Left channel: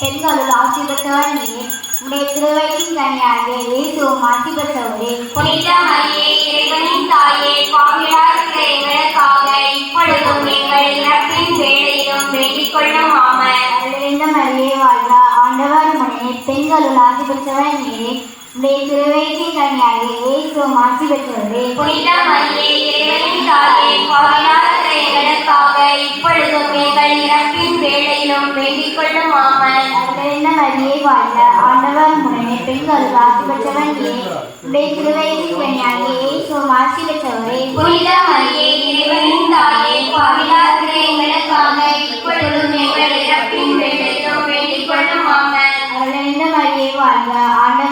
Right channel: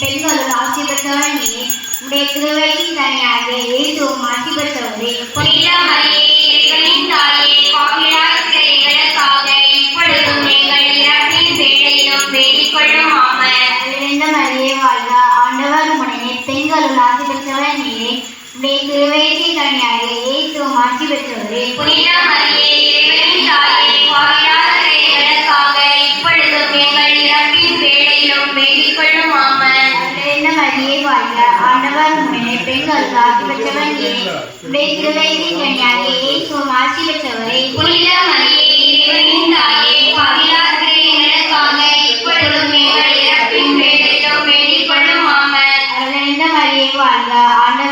பெண்களுள் ஆசி பெற்றவள் நீ உடைய திருவயிற்றின் கனியாக இயேசுவும் ஆசி பெற்றவரே புனித மரியே இறைவனின் தாயே பாவியாயிருக்கிற எங்களுக்காக இப்பொழுதும் எங்கள் இறப்பின் மரியே ஆண்டவர் பெண்களுள் ஆசி உடைய திருவயிற்றின் கனியாக இயேசுவும் ஆசி பெற்றவரே புனித அறிவிந்த மரியே வாழ்க ஆண்டவர் முடனே பெண்களுள் ஆசி பெற்றவள் நீரே உடைய திருவயிற்றின் கனியாக இயேசுவும்